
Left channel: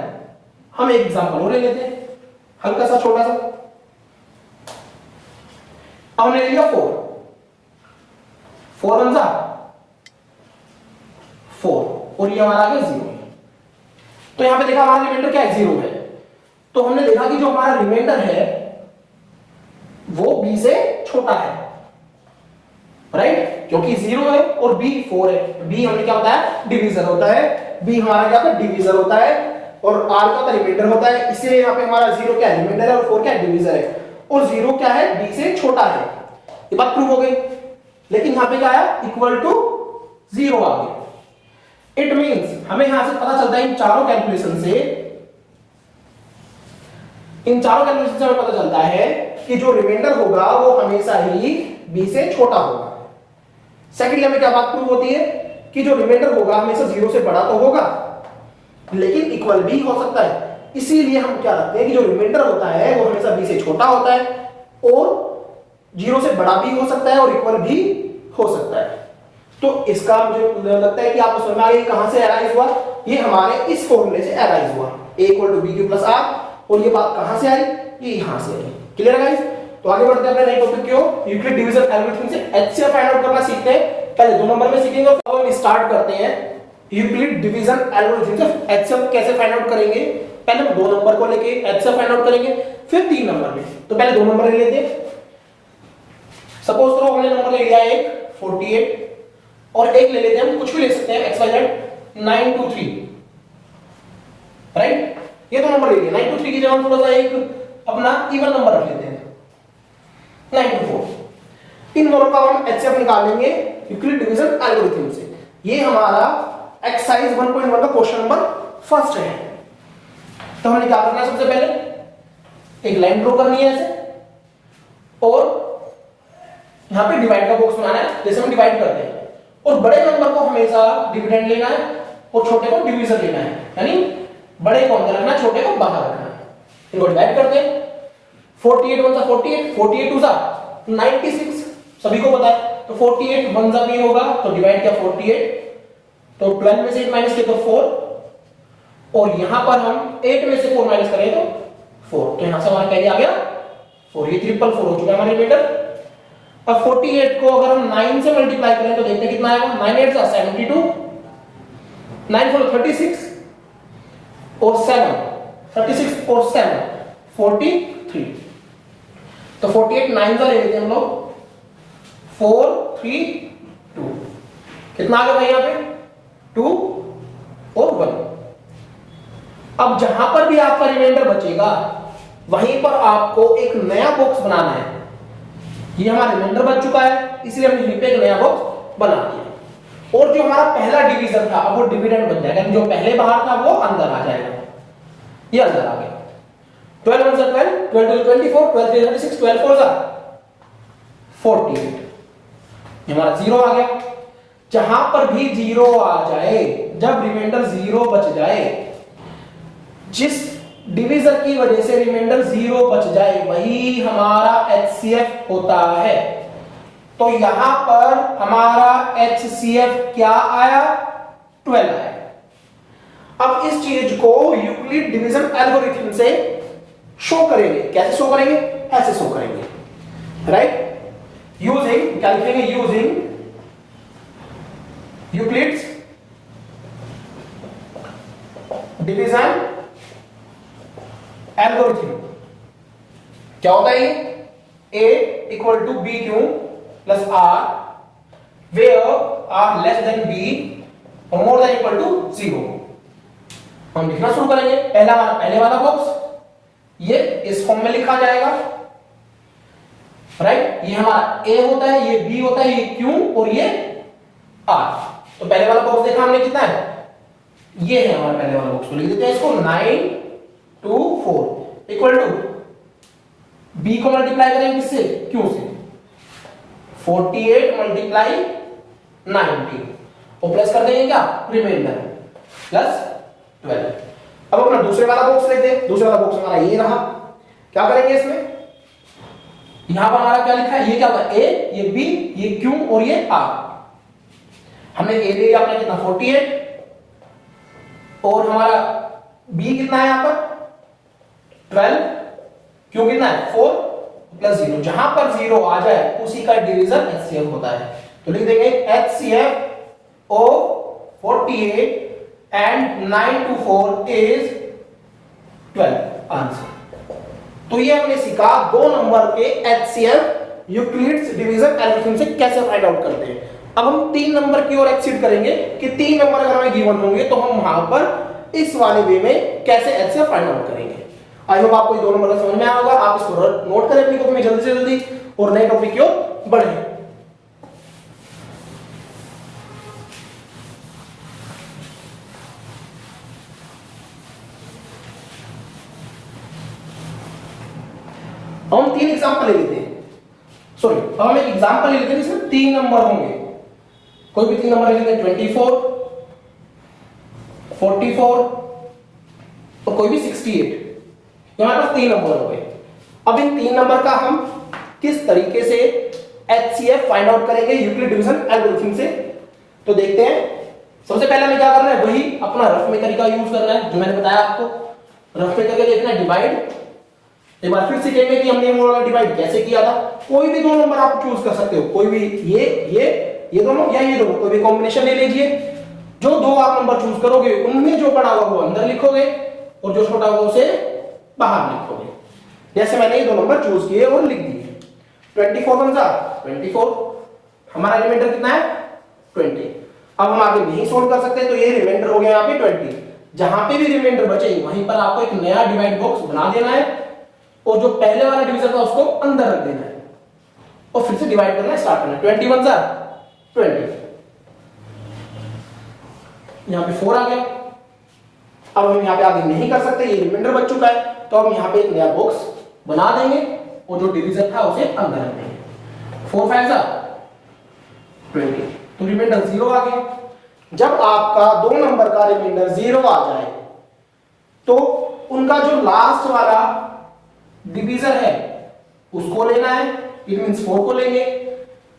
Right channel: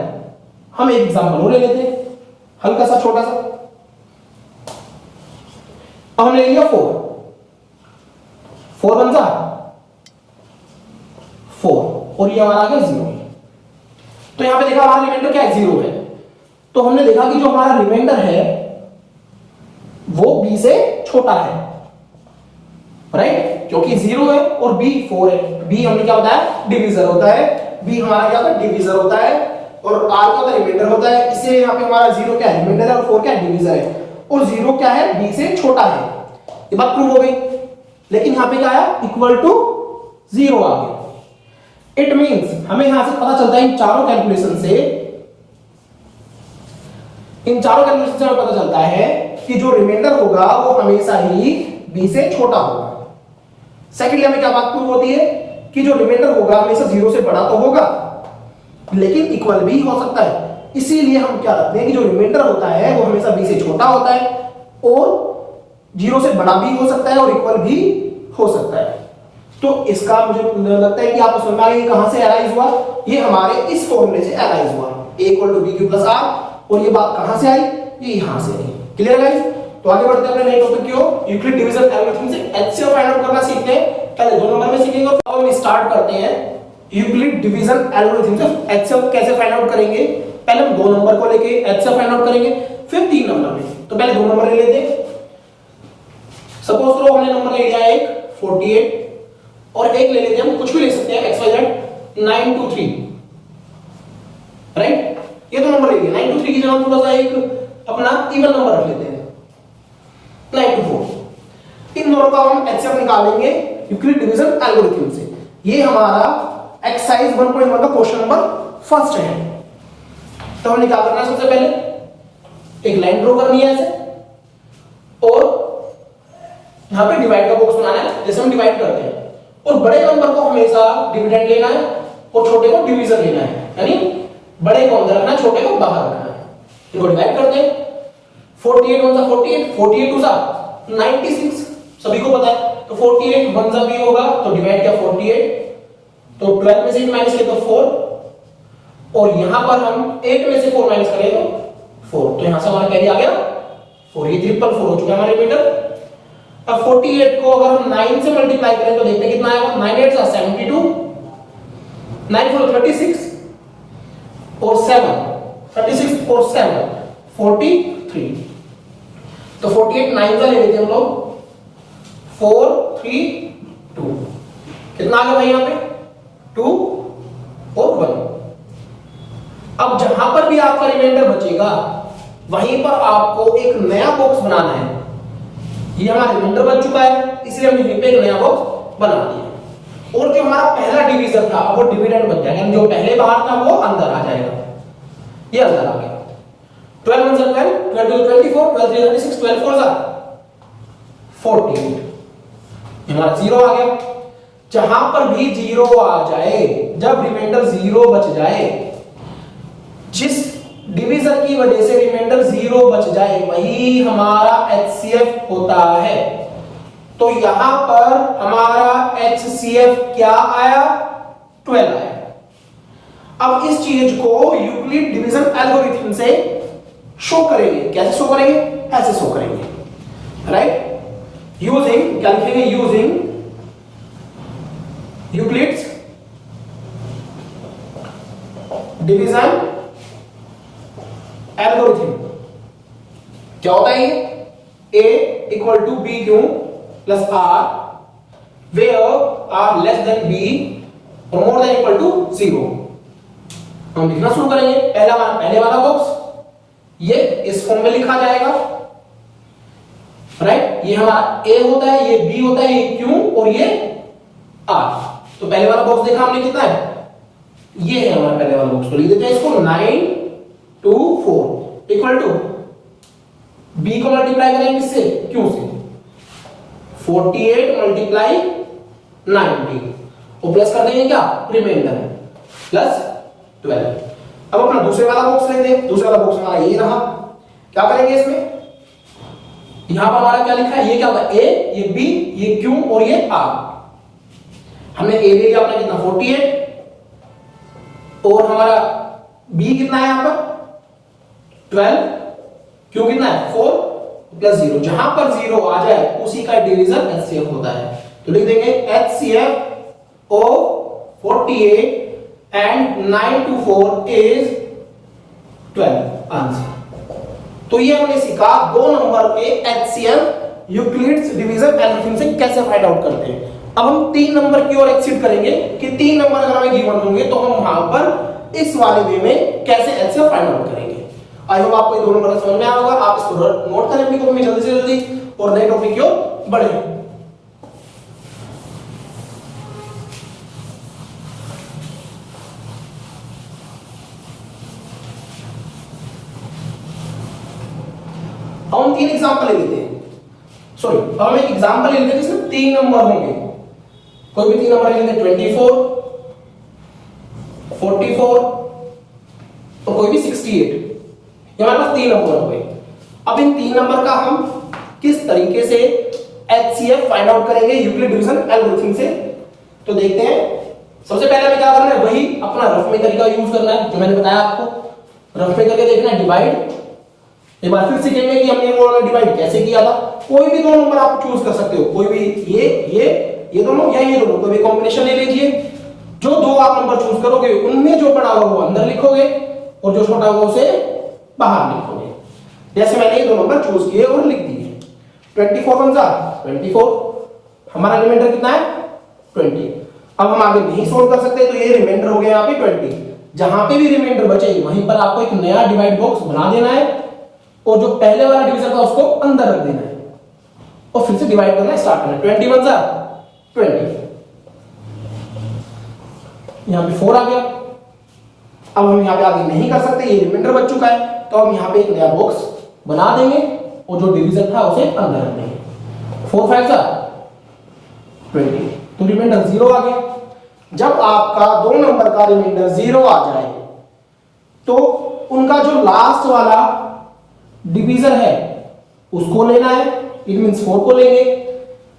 हम एक एग्जांपल और ले लेते हैं, हल्का सा छोटा सा। अब हमने ले लिया 4 1 जा 4 और ये हमारा आ गया 0। तो यहां पे देखा हमारा रिमाइंडर क्या है, 0 है। तो हमने देखा कि जो हमारा रिमाइंडर है वो b से छोटा है, राइट। क्योंकि 0 है और b 4 है। b हमने क्या होता है, डिवीजर होता है। b हमारा क्या होता है, डिवीजर होता है। और r क्या होता है, रिमाइंडर होता है। इससे यहाँ पे हमारा 0 क्या है, रिमाइंडर है, और 4 क्या है, डिवीजर है। और 0 क्या है, b से छोटा है। ये बात प्रूव हो गई। लेकिन यहाँ पे क्या आया, इक्वल टू 0 आ गया। इट मींस हमें यहां से पता चलता है इन चारों कैलकुलेशन से हमें पता चलता है कि जो रिमाइंडर होगा वो हमेशा ही b से छोटा होगा। सेकंडली हमें क्या बात प्रूव होती है कि जो रिमाइंडर होगा हमेशा 0 से बड़ा तो होगा लेकिन इक्वल भी हो सकता है। इसीलिए हम क्या रखते हैं कि जो रिमाइंडर होता है वो हमेशा b से छोटा होता है और 0 से बड़ा भी हो सकता है और इक्वल भी हो सकता है। तो इसका मुझे लगता है कि आपको समझ में आ गया कहां से अराइज हुआ। ये हमारे इस फॉर्मूले से अराइज हुआ, a equal to bq plus r। और ये बात कहां से आई, ये यहां से आई। Clear guys? तो आगे बढ़ते हैं अपने नए टॉपिक की ओर। यूक्लिड डिवीजन एल्गोरिथम से एचसीएफ फाइंड आउट करना सीखते हैं। पहले 2 नंबर में सीखेंगे और अब हम स्टार्ट करते हैं यूक्लिड डिवीजन एल्गोरिथम से एचसीएफ कैसे फाइंड आउट करेंगे। पहले हम 2 नंबर को लेके एचसीएफ फाइंड आउट करेंगे, फिर 3 नंबर में। तो पहले 2 नंबर ले लेते हैं। सपोज करो हमने नंबर ले लिया एक 48 और एक ले लेते हैं, हम कुछ भी ले सकते हैं, xyz 923, राइट। ये 2 नंबर ले लिए। 923 की जगह थोड़ा सा एक अपना इवन नंबर रख लेते हैं 924। इन दोनों का हम एचसीएफ निकाल लेंगे यूक्लिड डिवीजन एल्गोरिथम से। ये हमारा एक्सरसाइज 1.1 का क्वेश्चन नंबर फर्स्ट है। तो हमने क्या करना है, सबसे पहले एक लाइन ड्रॉ करनी है ऐसे और यहां पे डिवाइड का बॉक्स बनाना है जैसे हम डिवाइड करते हैं। और बड़े नंबर को हमेशा डिविडेंड लेना है और छोटे को डिवीजन लेना है, यानी बड़े को अंदर रखना है, छोटे को बाहर रखना है। इनको डिवाइड करते हैं। 48 1 48, 48 2 96, सभी को पता है। तो 48 1 भी होगा तो डिवाइड किया 48, तो 12 में से 8 माइनस किया तो 4, और यहां पर हम 8 में से 4 माइनस करें तो 4, तो यहां से हमारा कैरी आ गया 4। ये 444 हो चुका है हमारे मीटर। अब 48 को अगर हम 9 से मल्टीप्लाई करें तो देखते हैं कितना आएगा। 9 8 72, 9 4 36 और 7 36 और 7 43। तो 48 9 का ले लेते हैं हम लोग 4 3 2। कितना आ गया भाई, यहां पे 2 और 1। अब जहां पर भी आपका रिमाइंडर बचेगा वहीं पर आपको एक नया बॉक्स बनाना है। ये हमारा रिमाइंडर बन चुका है, इसलिए हमने यहीं पे एक नया बॉक्स बना दिया। और जो हमारा पहला डिवीजन था वो डिविडेंड बन जाएगा, जो पहले बाहर था वो अंदर आ जाएगा। ये अंदर आ गया। 12 1 12, 12 24, 12 3 36, 12 4 48। हमारा 0 आ गया। जहां पर भी 0 आ जाए, जब रिमाइंडर 0 बच जाए, जिस डिवीजन की वजह से रिमाइंडर 0 बच जाए वही हमारा एचसीएफ होता है। तो यहां पर हमारा एचसीएफ क्या आया, 12 आया। अब इस चीज को यूक्लिड डिवीजन एल्गोरिथम से शो करेंगे। कैसे शो करेंगे, ऐसे शो करेंगे, राइट। यूजिंग क्या लिखेंगे, यूजिंग यूक्लिड्स डिवीजन एल्गोरिथम। क्या होता है ये, a equal to B Q plus r where r less than b और मोर देन इक्वल टू 0। हम लिखना शुरू करेंगे। पहले वाला बॉक्स ये इस फॉर्म में लिखा जाएगा, राइट। ये हमारा a होता है, ये b होता है, ये q और ये r। तो पहले वाला बॉक्स देखा हमने कितना है, ये है हमारा पहले वाला बॉक्स। तो लिख देते हैं इसको 9 2 4 इक्वल टू b को मल्टीप्लाई करेंगे किससे, q से। 48 मल्टीप्लाई 90 और प्लस कर देंगे क्या, रिमाइंडर प्लस 12। अब अपना दूसरे वाला बॉक्स लेते हैं। दूसरा वाला बॉक्स हमारा ये रहा। क्या करेंगे इसमें, यहां पर हमारा क्या लिखा है, ये क्या होगा a, ये b, ये q और ये r। हमने a ले लिया अपने कितना 48 और हमारा b कितना है यहां पर 12, q कितना है 4 प्लस 0। जहां पर 0 आ जाए उसी का डिवीजन एचसीएफ होता है। तो लिख देंगे HCF of 48 and 9 to 4 is 12 answer. तो ये हमने सीखा 2 नंबर के एचसीएफ यूक्लिड्स डिवीजन एल्गोरिथम से कैसे फाइंड आउट करते हैं। अब हम 3 नंबर की ओर एक्सीड करेंगे कि 3 नंबर अगर हमें गिवन होंगे तो हम वहां पर इस वाले वे में कैसे एचसीएफ फाइंड आउट करेंगे। आई होप आपको ये 2 नंबर समझ में आया होगा। आप इसको नोट करें अपनी कॉपी में जल्दी से जल्दी और नए टॉपिक की ओर बढ़े। हम 3 एग्जांपल ले लेते हैं, सॉरी हम एक एग्जांपल ले लेते हैं जिसमें 3 नंबर होंगे। कोई भी 3 नंबर ले लेते हैं, 24, 44 और कोई भी 68। हमारे पास 3 नंबर हो गए। अब इन 3 नंबर का हम किस तरीके से एचसीएफ फाइंड आउट करेंगे यूक्लिड डिवीजन एल्गोरिथम से, तो देखते हैं। सबसे पहले हमें क्या करना है, वही अपना रफ में तरीका यूज करना है जो मैंने बताया आपको। रफ में करके देखना है डिवाइड। एक बार फिर सीखेंगे कि हमने वो वाला डिवाइड कैसे किया था। कोई भी 2 नंबर आप चूज कर सकते हो, कोई भी ये दोनों या ये दोनों, कोई भी कॉम्बिनेशन ले लीजिए। जो 2 आप नंबर चूज करोगे उनमें जो पड़ा हुआ वो अंदर लिखोगे और जो छोटा हुआ उसे बाहर लिखोगे। जैसे मैंने ये 2 नंबर चूज किए और लिख दिए। 24 बन जा 24, हमारा रिमाइंडर कितना है 20। अब हम आगे नहीं सोल्व कर सकते तो ये रिमाइंडर हो गया यहाँ पे 20। जहां पे भी रिमाइंडर बचे वहीं पर आपको एक नया डिवाइड बॉक्स बना देना है और जो पहले वाला डिवीजन था उसको अंदर रख देना है और फिर से डिवाइड करना स्टार्ट करना है। 20 बन जा 20, यहां पे 4 आ गया। अब हम यहां पे आगे नहीं कर सकते, ये रिमाइंडर बच चुका है, तो हम यहां पे एक नया बॉक्स बना देंगे और जो डिवीजन था उसे अंदर रख देंगे। 4 5 जा 20, तो रिमाइंडर 0 आ गया। जब आपका 2 नंबर का रिमाइंडर 0 आ जाए तो उनका जो लास्ट वाला डिवीजर है उसको लेना है, इट मींस 4 को लेंगे,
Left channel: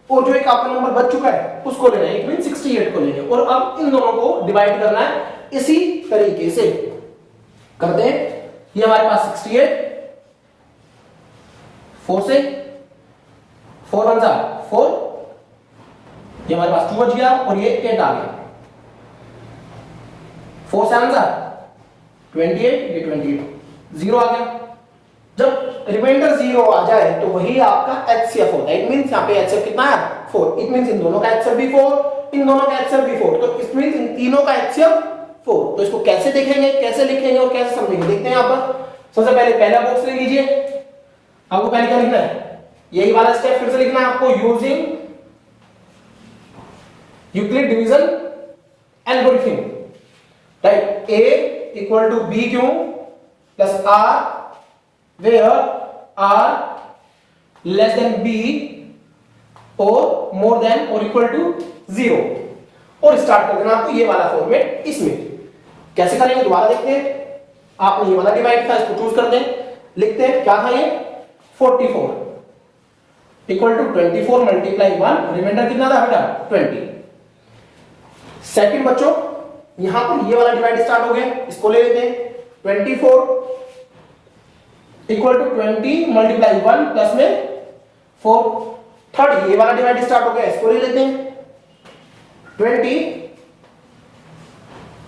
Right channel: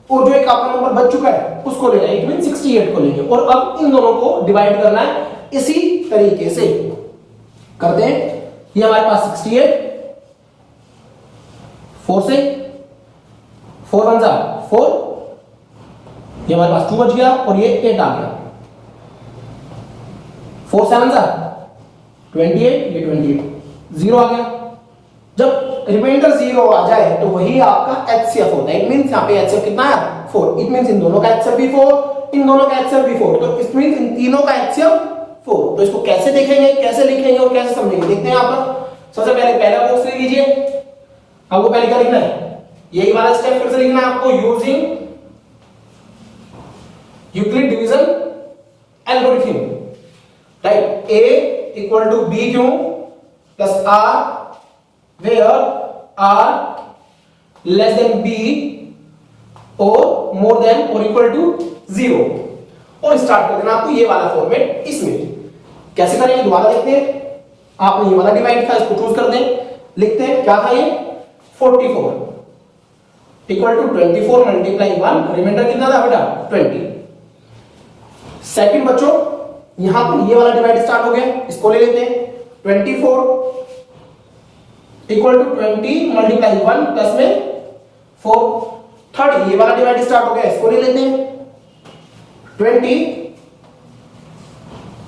और जो एक आपका नंबर बच चुका है उसको लेना है, इट मींस 68 को लेंगे। और अब इन दोनों को डिवाइड करना है इसी तरीके से करते हैं। ये हमारे पास 68, 4 से 4 1 जा 4, ये हमारे पास 2 बच गया और ये 8 आ गया। 4 7 जा 28, ये 28 0 आ गया। जब रिमाइंडर 0 आ जाए तो वही आपका एचसीएफ होता है। इट मींस यहां पे एचसीएफ कितना है 4। इट मींस इन दोनों का एचसीएफ भी 4, इन दोनों का एचसीएफ भी 4, तो इट मींस इन तीनों का एचसीएफ 4। तो इसको कैसे देखेंगे, कैसे लिखेंगे और कैसे समझेंगे, देखते हैं। यहां पर सबसे पहले पहला बॉक्स ले लीजिए। आपको पहले क्या लिखना है, यही वाला स्टेप फिर से लिखना है आपको, using Euclid division algorithm, right. A equal to B Q plus r where r less than b or more than or equal to 0, और स्टार्ट कर देना आपको ये वाला फॉर्मेट। इसमें कैसे करेंगे दोबारा देखते हैं। आपने ये वाला डिवाइड था, इसको चूज कर दें, लिखते हैं क्या था ये 44 इक्वल टू 24 मल्टीप्लाई 1, रिमाइंडर कितना था बेटा 20। सेकंड बच्चों यहां पर ये वाला डिवाइड स्टार्ट हो गया, इसको ले लेते हैं। 24 इक्वल टू 20 मल्टीप्लाई 1 प्लस में 4। थर्ड ये वाला डिवाइड स्टार्ट हो गया, इसको ले लेते हैं। 20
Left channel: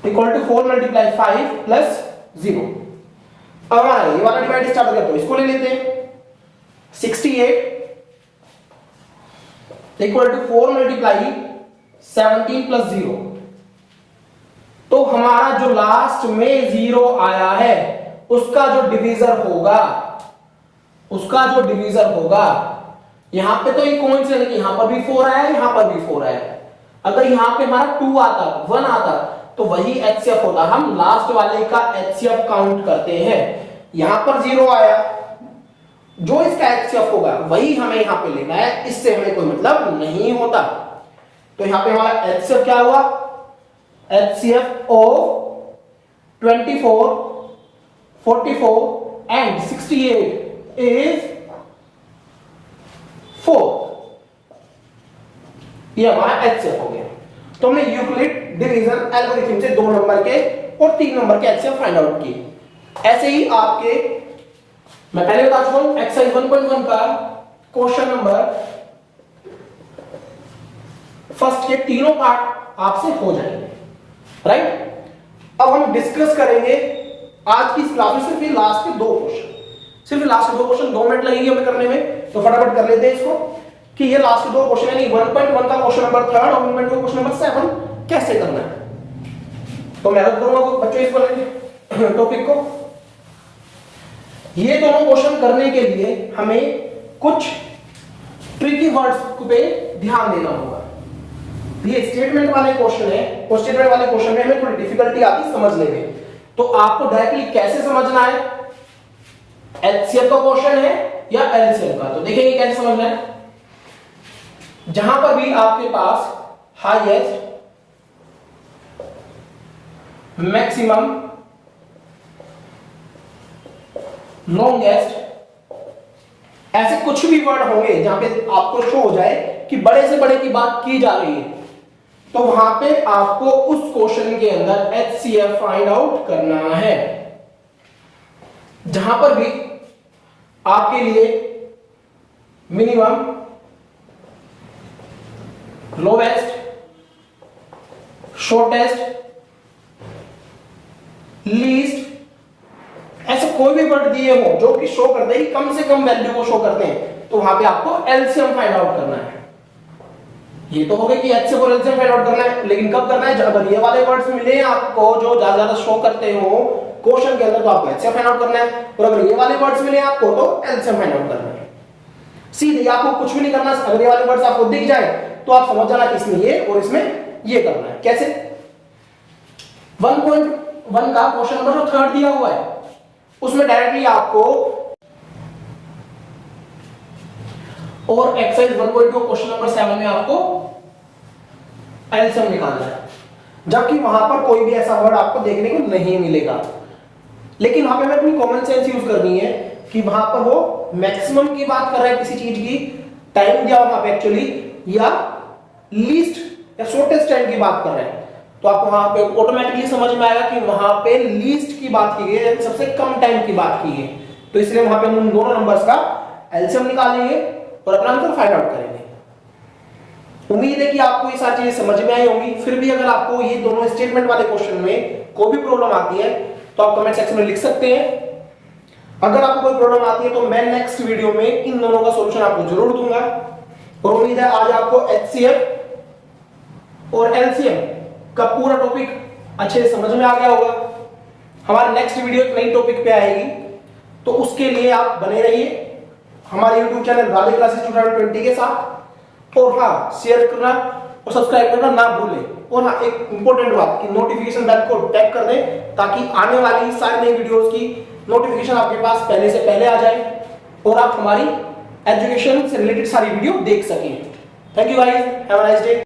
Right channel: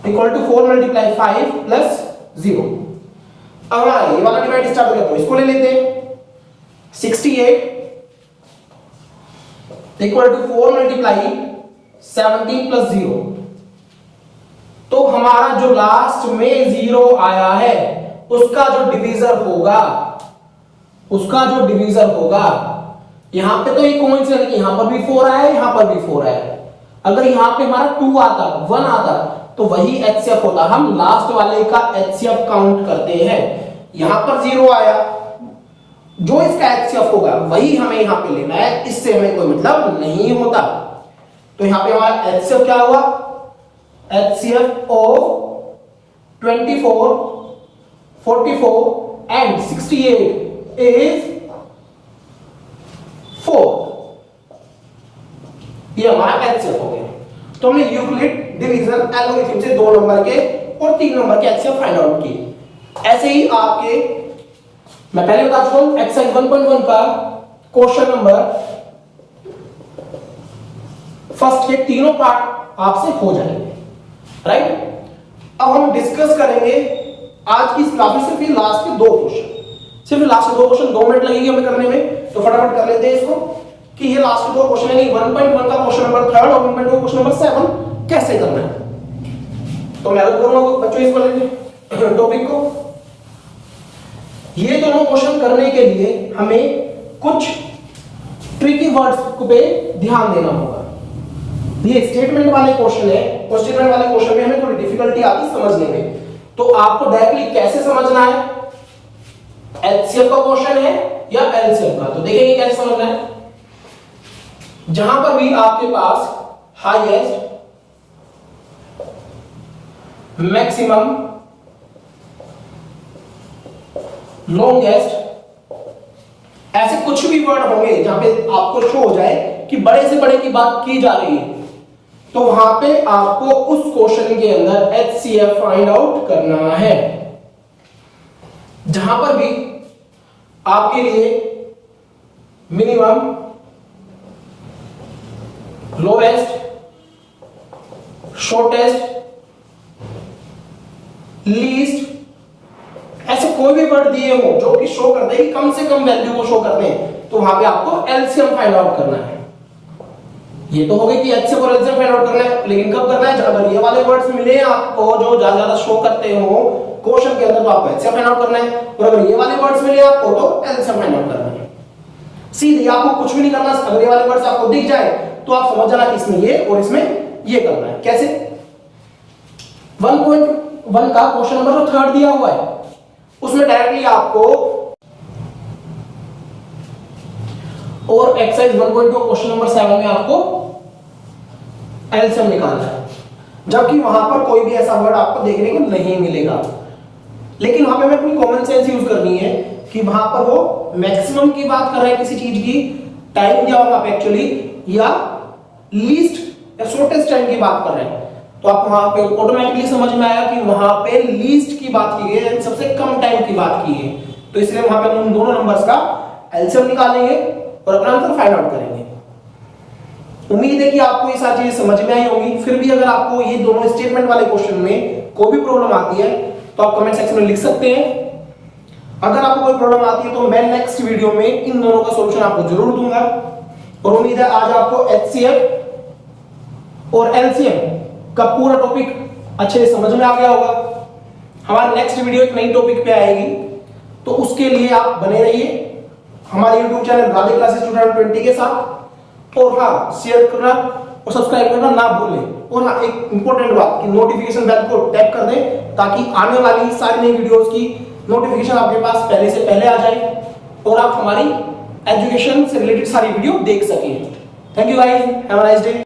इक्वल टू 4 मल्टीप्लाई 5 प्लस 0। अब ये वाला डिवाइड स्टार्ट हो गया तो इसको ले लेते हैं। 68 इक्वल टू 4 मल्टीप्लाई 17 प्लस 0। तो हमारा जो लास्ट में 0 आया है उसका जो डिवीजर होगा, यहां पे तो ये कोइंसिडेंट कि यहां पर भी 4 आया है, यहां पर भी 4 आया है। अगर यहां पे हमारा 2 आता 1 आता तो वही एचसीएफ होता। हम लास्ट वाले का एचसीएफ काउंट करते हैं। यहां पर 0 आया, जो इसका एचसीएफ होगा वही हमें यहां पे लेना है, इससे हमें कोई मतलब नहीं होता। तो यहां पे हमारा एचसीएफ क्या हुआ, एचसीएफ ऑफ 24 44 and 68 is 4। ये हमारा एचसीएफ हो गया। तो हमने यूक्लिड डिवीजन एल्गोरिथम से 2 नंबर के और 3 नंबर के एचसीएफ फाइंड आउट किए। ऐसे ही आपके मैं पहले बता चुका हूं एक्सरसाइज 1.1 का क्वेश्चन नंबर फर्स्ट के तीनों पार्ट आपसे हो जाएंगे, राइट। अब हम डिस्कस करेंगे आज की इस क्लास में सिर्फ ये लास्ट के 2 क्वेश्चन, सिर्फ लास्ट के 2 क्वेश्चन 2 मिनट लगेंगे हमें करने में, तो फटाफट कर लेते हैं इसको कि ये लास्ट दो क्वेश्चन यानी 1.1 का क्वेश्चन नंबर 3 और 1.2 का क्वेश्चन नंबर 7 कैसे करना है। तो मैं करूंगा बच्चों इस वाले टॉपिक को। ये दोनों क्वेश्चन करने के लिए हमें कुछ ट्रिकी वर्ड्स पे ध्यान देना होगा। ये स्टेटमेंट वाले क्वेश्चन है, और स्टेटमेंट वाले क्वेश्चन में हमें थोड़ी डिफिकल्टी आती है समझने में। तो आपको डायरेक्टली कैसे समझना है, एचसीएफ का क्वेश्चन है या एलसीएम का। तो देखिए कैसे समझना है। जहां पर भी आपके पास हाईएस्ट, मैक्सिमम, लॉन्गेस्ट, ऐसे कुछ भी वर्ड होंगे जहां पे आपको शो हो जाए कि बड़े से बड़े की बात की जा रही है, तो वहां पे आपको उस क्वेश्चन के अंदर एचसीएफ फाइंड आउट करना है। जहां पर भी आपके लिए मिनिमम, लोवेस्ट, शॉर्टेस्ट, लीस्ट, ऐसे कोई भी वर्ड दिए हो जो कि शो करते हैं कि कम से कम वैल्यू को शो करते हैं, तो वहां पे आपको एलसीएम फाइंड आउट करना है। ये तो हो गया कि एचसीएफ और एलसीएम फाइंड आउट करना है, लेकिन कब करना है, अगर ये वाले वर्ड्स मिले आपको जो ज्यादा शो करते हो क्वेश्चन के अंदर, तो आपको एचसीएफ फाइंड आउट करना है। और अगर ये वाले वर्ड्स मिले आपको तो एलसीएम फाइंड आउट करना है। सीधे आपको कुछ भी नहीं करना। अगर ये वाले वर्ड्स आपको दिख जाए तो आप समझ जाना कि इसमें ये और इसमें ये करना है। कैसे? 1.1 का क्वेश्चन नंबर जो 3 दिया हुआ है उसमें डायरेक्टली आपको और एक्सरसाइज 1.2 क्वेश्चन नंबर 7 में आपको एलसीएम निकालना है, जबकि वहां पर कोई भी ऐसा वर्ड आपको देखने को नहीं मिलेगा। लेकिन वहां पे हमें अपनी कॉमन सेंस यूज करनी है कि वहां पर वो मैक्सिमम की बात कर रहा है किसी चीज की, टाइम दिया होगा एक्चुअली, या लीस्ट या शॉर्टेस्ट टाइम की बात कर रहे हैं, तो आप वहां पे ऑटोमेटिकली समझ में आएगा कि वहां पे लीस्ट की बात की गई है, सबसे कम टाइम की बात की है। तो इसलिए वहां पे हम उन दोनों नंबर्स का एलसीएम निकालेंगे और अपना आंसर फाइंड आउट करेंगे। उम्मीद है कि आपको ये सारी चीजें समझ में आई होंगी। फिर भी अगर आपको ये दोनों स्टेटमेंट वाले क्वेश्चन में कोई भी प्रॉब्लम आती है तो आप कमेंट सेक्शन में लिख सकते हैं। अगर आपको कोई प्रॉब्लम आती है तो मैं नेक्स्ट वीडियो में इन दोनों का सॉल्यूशन आपको जरूर दूंगा। और उम्मीद है आज आपको एचसीएफ और एलसीएम का पूरा टॉपिक अच्छे से समझ में आ गया होगा। हमारी नेक्स्ट वीडियो एक नई टॉपिक पे आएगी, तो उसके लिए आप बने रहिए हमारे YouTube चैनल राधे क्लासेस 2020 के साथ। और हाँ, शेयर करना और सब्सक्राइब करना ना भूलें। और हाँ, एक इंपॉर्टेंट बात कि नोटिफिकेशन बेल को टैप कर दें ताकि आने वाली सारी नई वीडियोस की नोटिफिकेशन आपके पास पहले से पहले आ जाए और आप हमारी एजुकेशन से रिलेटेड सारी वीडियो देख सकें। Thank you guys, have a nice day.